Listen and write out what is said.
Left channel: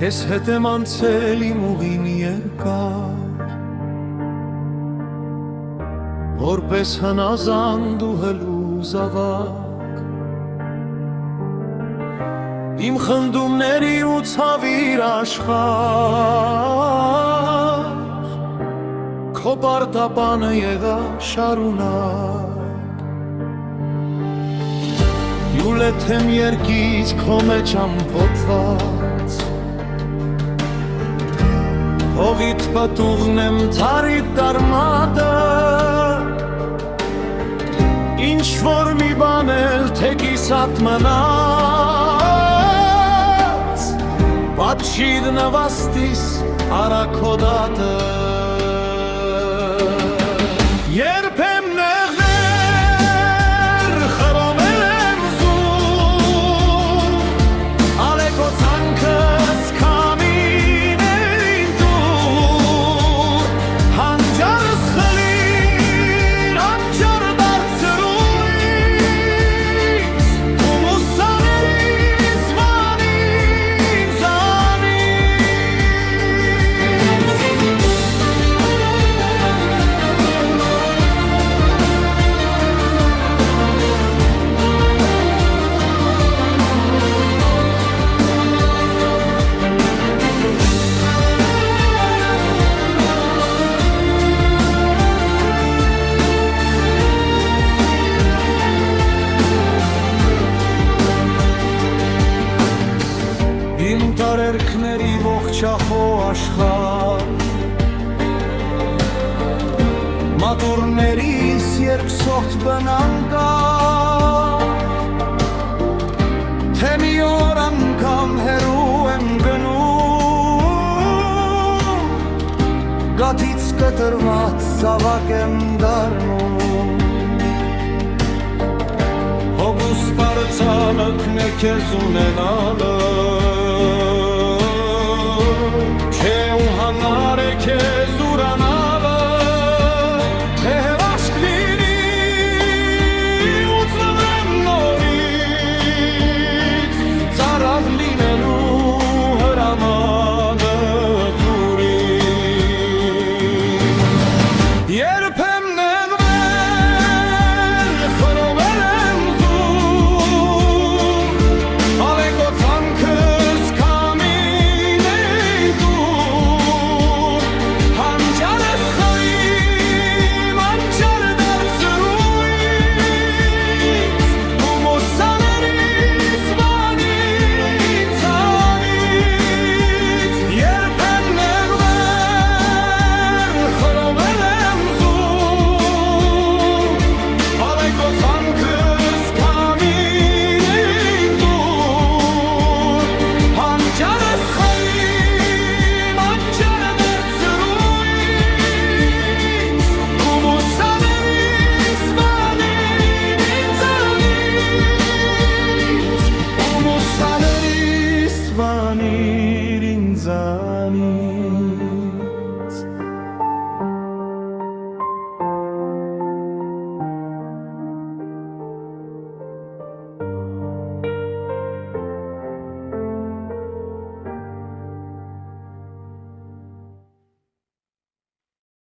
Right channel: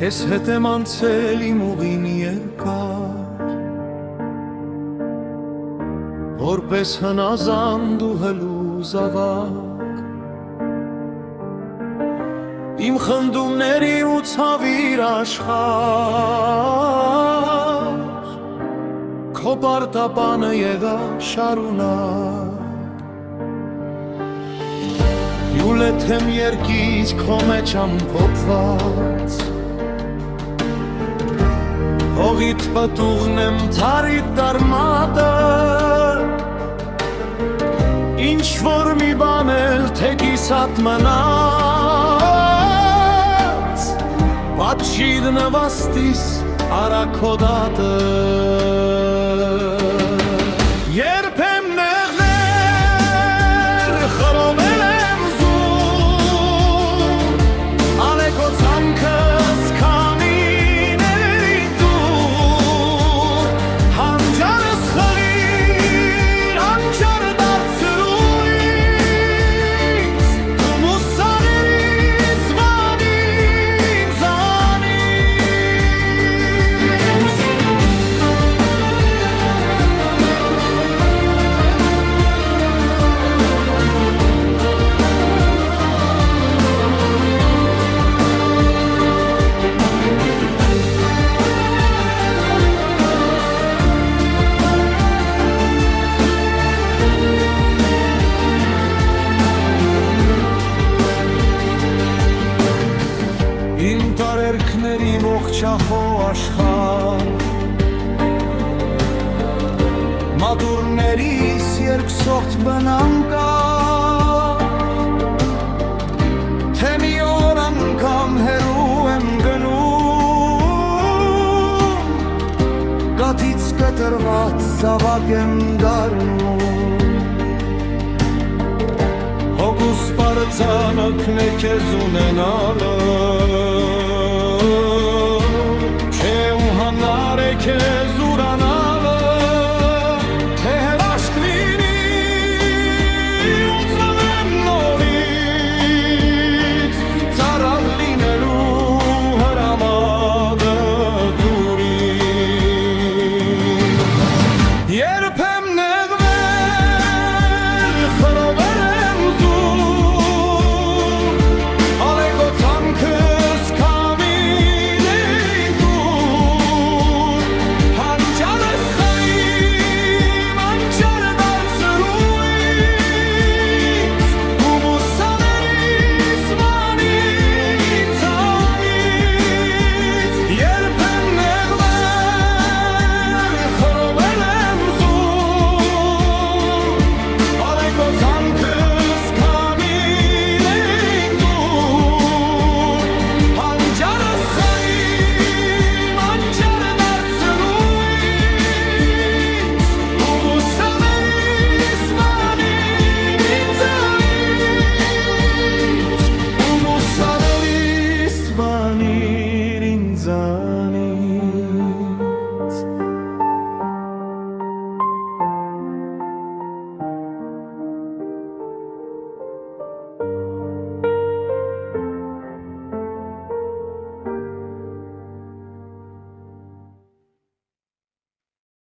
Քեզ հետ եմ անցել իմ ուղին երկար, որպես հնազանդ ու հլուզ ավակ, իմ խնդումների ու ցավիր աշխարհ, քո պարտապանը եղա շարունակ, յուլեթ եմ երկից քո մեջ ամփոփված, հողիդ պտուղն եմ թարիդ դարմատը, ինչ-որ մի բան էլ թեկիսատ մնաց, պատշիր նվաստիս արաքոդատը, երբ եմ նեղներ խրովել եմ զուր, ալեկո ցանքս քամիներին տուր, հանջարս խլիր անջար դարձրու ինձ, ու մուսաներիս վանին զանից, իմ տարերքների ողջախո աշխարհ, մատուրներիս երկսորդ բնանկար, թե մի օր անգամ հեռու եմ գնում, գաթից կտրված զավակ եմ դառնում, հոգուս պարծանքն է քեզ ունենալը, չէ ու հանար է քեզ ուրանալը, թե հրաշք լինի ու ծնվեմ նորից, ծարավ լինելու հրամանը տուր ինձ, երբ եմ նեղվել խրովել եմ զուր, ալեկո ցանքս քամիներին տուր, հանջարս խլիմ անջար դարձրու ինձ, ու մուսաներիս վանին ցանից, երբ եմ նեղվել խրովել եմ զուր, ալեկո ցանքս քամիներին տուր, հանջարս խլիմ անջար դարձրու ինձ, ու մուսաներիս վանին ինձանից, ու մուսաներիս վանին ինձանից.